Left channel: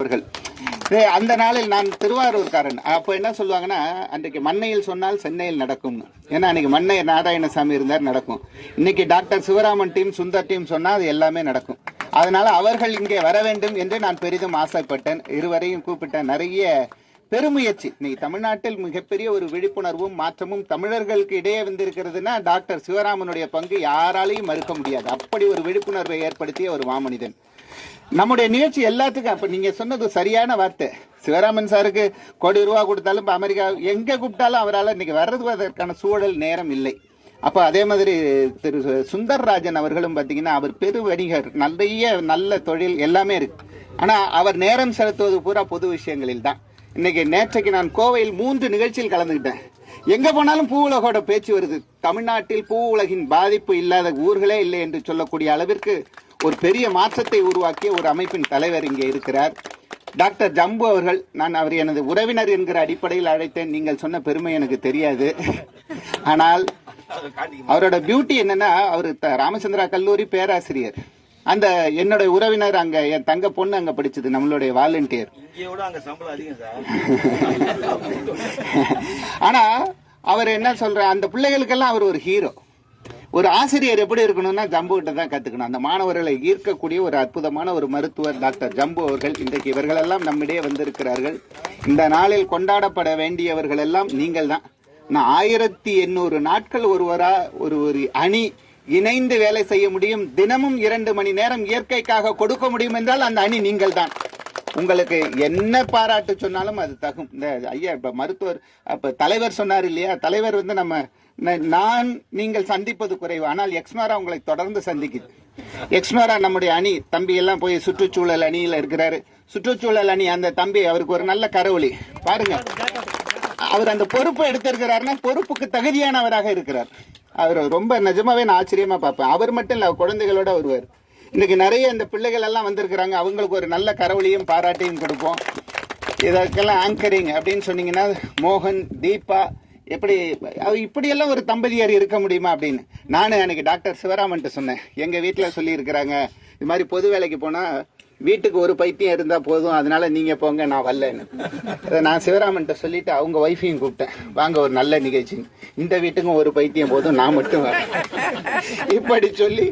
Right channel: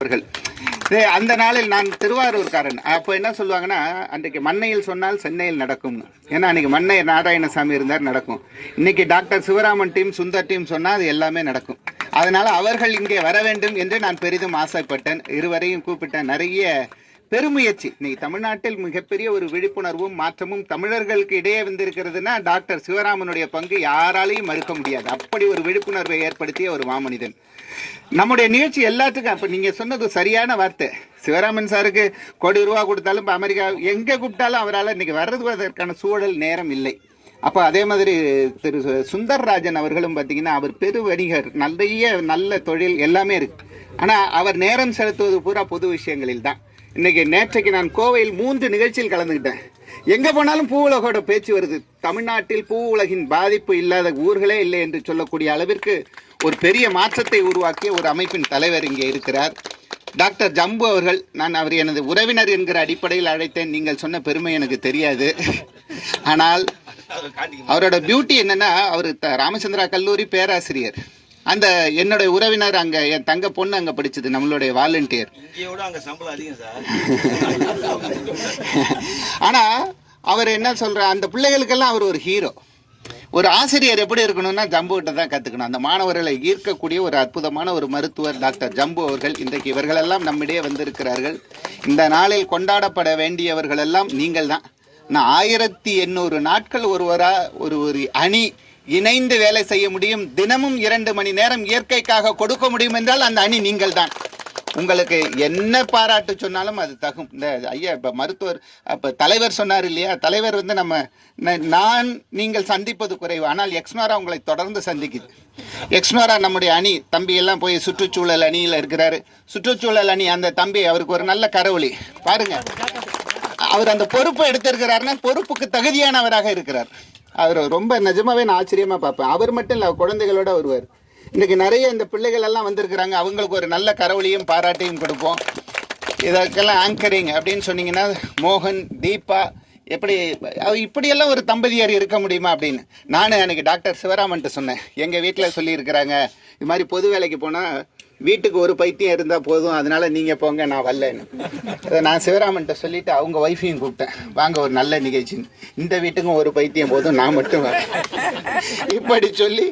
அவர்கள் சரி, அந்த நாளில் நான் திருவாரூர்காரன். அப்போ என்ன சொல்லுவாங்கன்னா அன்றைக்கு மண்ணையில் சொன்னால் சென்னையில் நடக்கும்னு. ஏன்னா அன்றைக்கி மண்ணை நாராயணசாமி இருந்தார் நடக்கும். இன்னைக்கு doctor Sivaraman team Sundar team சொன்னால் அது எல்லாமே நடக்கும். அதனால் அவர்கள் இங்கே வர வேண்டும் என்று நான் பெரிதும் ஆசைப்பட்டேன். இருவரையும் கூப்பிட்டேன். நிறைய பெருமுயற்சி. இன்னைக்கு தமிழ்நாட்டில் மிகப்பெரிய ஒரு விழிப்புணர்வும் மாற்றமும் தமிழர்களுக்கு இடையே வந்திருக்கிறதுனா டாக்டர் சிவராமனுடைய பங்கு யாராலையும் மறுக்க முடியாது. அப்படி ஒரு விழிப்புணர்வை ஏற்படுத்திய ஒரு மாமனிதன். நம்முடைய நிகழ்ச்சி எல்லாத்துக்கும் அப்ப நீங்க சொன்னது சரியான வார்த்தை. சிவராமன் சாருக்கு கோடி ரூபா கொடுத்தாலும் இப்போ அமெரிக்கா எங்க கூப்பிட்டாலும் அவரால் இன்னைக்கு வர்றதுவதற்கான சூழல் நேரம் இல்லை. அப்போ அதே மாதிரி திரு சுந்தர்ராஜன் அவர்களும் பார்த்தீங்கன்னா அவர் பெரு வணிகர் நிறைய நல்ல தொழில் எல்லாமே இருக்கு. ஆனால் அவர் நேரம் செலுத்துவது பூரா பொது விஷயங்களில் தான். இன்னைக்கு நேற்றைக்கு நான் கோவையில் மூன்று நிகழ்ச்சியில் கலந்துக்கிட்டேன். எங்க போனாலும் பூ உலகோட பேச்சு வருது. தமிழ்நாட்டில் பூ உலகின் பாதிப்பு இல்லாத ஊர்களே இல்லை என்று சொல்லக்கூடிய அளவிற்கு ஒரு பெரிய மாற்றத்தை உருவாக்கிய ஒரு அமைப்பின் தலைவர் இங்கே இருக்கிறார். டாக்டர் ஜம்பு அவர்கள் நான் அவர் எனது உறவினர் என்கிற அடிப்படையில் அழைத்தேன். நீங்கள் சொன்ன பெருமை எனக்கு தெரியாது. ஆனால் அவரோட பியூட்டி என்னன்னா அவர் த- ராமச்சந்திரா கல்லூரி பேராசிரியர். அந்த என்னுடைய உறவினர் அங்க என் தங்க பொண்ணு அங்க படிச்சது நம்மளுடைய வாலண்டியர் ஆனா அவர் என்ன சொல்ற அந்த பிள்ளைகளுக்கெல்லாம் அவர் ஒரு ஹீரோ ஒரு ஆசிரியர் எப்படி இருக்கணும்னா ஜம்பு கிட்ட தான் கத்துக்கணும். அந்த மாணவர்களை ஈர்க்கக்கூடிய ஒரு அற்புதமான ஒரு மருத்துவர் டாக்டர் ஜம்பு அவர்கள் இன்றைக்கு இவர்களெல்லாம் நம்மிடையே வந்திருக்கிறார்கள். இந்த நாளில் கொண்டாடப்பட வேண்டியவர்கள் எல்லாம் நீங்கள் தான் நான் ஆயிரத்தி எண்ணூறு நாட்கள் ஒருவரா ஒரு ஒரு அணி இணைந்து வேலை செய்ய முடியும். தினமும் இரண்டு மணி நேரம் இயற்கைக்காக கொடுக்க முடியும் என்றால் அந்த அணி நீங்கள் தான் உங்களுக்கு என்ன பாராட்டு சொன்னாலும் அது தகும். இந்த ஐயா இப்ப மருத்துவர் அப்ப தலைவர் சொன்னார் இல்லையா? தலைவர் வந்து நம்ம நான் நீங்கள் சந்திப்பது குறைவு. ஆனால் எக்ஸ்னோரா உங்களை தொடர்ந்து சந்திக்குது. எக்ஸ்னோரா நம்முடைய அணி. தம்பி எல்லாம் போய் சுற்றுச்சூழல் அணியில் இருக்கிறாரு. சுற்றுச்சூழல் அணி அந்த தம்பி அவருக்கு ஒரு நல்ல கரவொலி பாருங்க. அவர் அந்த பொறுப்பை எடுத்திருக்கிறாருன்னா பொறுப்புக்கு தகுதியானவராக இருக்கிறார். அவர் ரொம்ப நிஜமாவே நான் ஆச்சரியமாக பார்ப்பேன். அவர் மட்டும் இல்லை குழந்தைகளோட வருவார். இன்னைக்கு நிறைய இந்த பிள்ளைகள் எல்லாம் வந்திருக்கிறாங்க. அவங்களுக்கு ஒரு நல்ல கரவழியும் பாராட்டையும் கொடுப்போம். இதற்கெல்லாம் ஆங்கரிங் அப்படின்னு சொன்னீங்கன்னா மோகன் தீபா எப்படி இப்படியெல்லாம் ஒரு தம்பதியார் இருக்க முடியுமா அப்படின்னு. நான் அன்னைக்கு டாக்டர் சிவராமன்ட்டு சொன்னேன். எங்கள் வீட்டில் சொல்லியிருக்கிறாங்க இது மாதிரி பொது வேலைக்கு போனால் வீட்டுக்கு ஒரு பைத்தியம் இருந்தால் போதும் அதனால நீங்கள் போங்க நான் வரலன்னு. நான் சிவராமன்ட்ட சொல்லிட்டு அவங்க ஒய்ஃபையும் கூப்பிட்டேன். வாங்க ஒரு நல்ல நிகழ்ச்சி இந்த வீட்டுக்கும் ஒரு பைத்தியம் போதும் நான் மட்டும் வரேன். இப்படி சொல்லி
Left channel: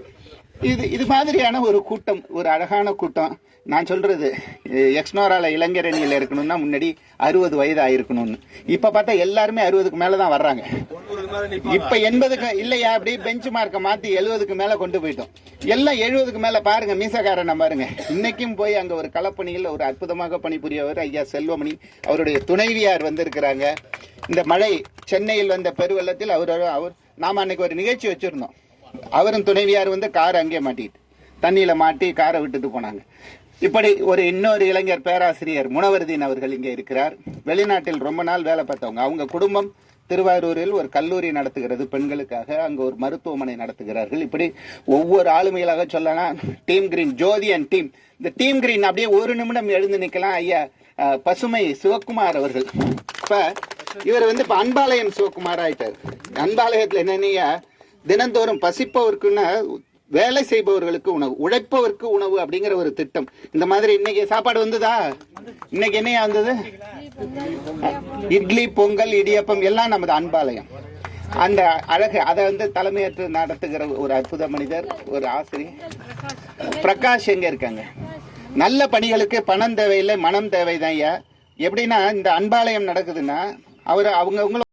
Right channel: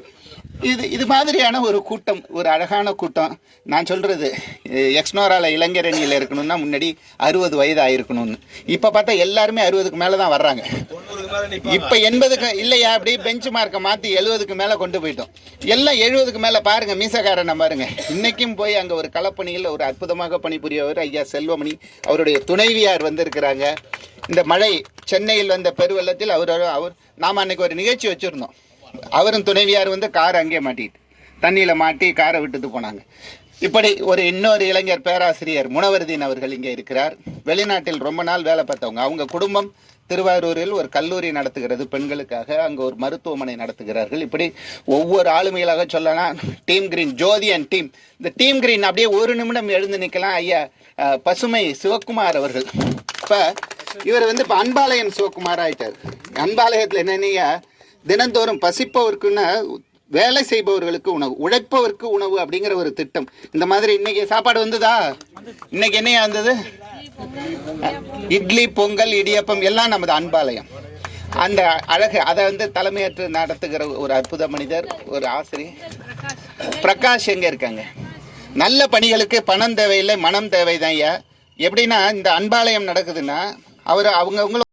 இது இது மாதிரியான ஒரு கூட்டம் ஒரு அழகான கூட்டம். நான் சொல்றது எ- எக்ஸ்னோரால இளைஞரணியில் இருக்கணும்னா முன்னாடி அறுபது வயது ஆயிருக்கணும்னு இப்ப பார்த்தா எல்லாருமே அறுபதுக்கு மேல தான் வர்றாங்க இப்ப எண்பதுக்கு இல்லையா அப்படி பெஞ்ச் மார்க்கை மாத்தி எழுபதுக்கு மேல கொண்டு போயிட்டோம். எல்லாம் எழுபதுக்கு மேல பாருங்க மீசக்காரனை பாருங்க. இன்னைக்கும் போய் அங்க ஒரு களப்பணியில் ஒரு அற்புதமாக பணிபுரியவர் ஐயா செல்வமணி அவருடைய துணைவியார் வந்திருக்கிறாங்க. இந்த மழை சென்னையில் வந்த பெருவெள்ளத்தில் அவர் அவர் நாம அன்னைக்கு ஒரு நிகழ்ச்சி வச்சிருந்தோம். அவரும் துணைவியார் வந்து கார் அங்கே மாட்டிட்டு தண்ணியில மாட்டி காரை விட்டுட்டு போனாங்க. இப்படி ஒரு இன்னொரு இளைஞர் பேராசிரியர் முனவர்தீன் அவர்கள் இங்கே இருக்கிறார். வெளிநாட்டில் ரொம்ப நாள் வேலை பார்த்தவங்க. அவங்க குடும்பம் திருவாரூரில் ஒரு கல்லூரி நடத்துகிறது பெண்களுக்காக. அங்கே ஒரு மருத்துவமனை நடத்துகிறார்கள். இப்படி ஒவ்வொரு ஆளுமைகளாக சொல்லலாம். Team green Jyothi and team. இந்த டீம் கிரீன் அப்படியே ஒரு நிமிடம் எழுந்து நிற்கலாம் ஐயா பசுமை சிவக்குமார் அவர்கள். இப்போ இவர் வந்து இப்போ அன்பாலயன் சிவக்குமார் ஆயிட்டார். அன்பாலயத்தில் என்னன்னீங்க தினந்தோறும் பசிப்பவருக்குன்னு வேலை செய்பவர்களுக்கு உணவு உழைப்பவருக்கு உணவு அப்படிங்கிற ஒரு திட்டம். இந்த மாதிரி இன்னைக்கு சாப்பாடு வந்ததா? இன்னைக்கு என்னையா வந்தது? இட்லி பொங்கல் இடியப்பம் எல்லாம் நமது அன்பாலயம். அந்த அழகு அதை வந்து தலைமையேற்று நடத்துகிற ஒரு அற்புத மனிதர் ஒரு ஆசிரியர் பிரகாஷ் எங்க இருக்காங்க? நல்ல பணிகளுக்கு பணம் தேவையில்லை மனம் தேவைதான் ஐயா. எப்படின்னா இந்த அன்பாலயம் நடக்குதுன்னா அவர் அவங்கவுங்களும்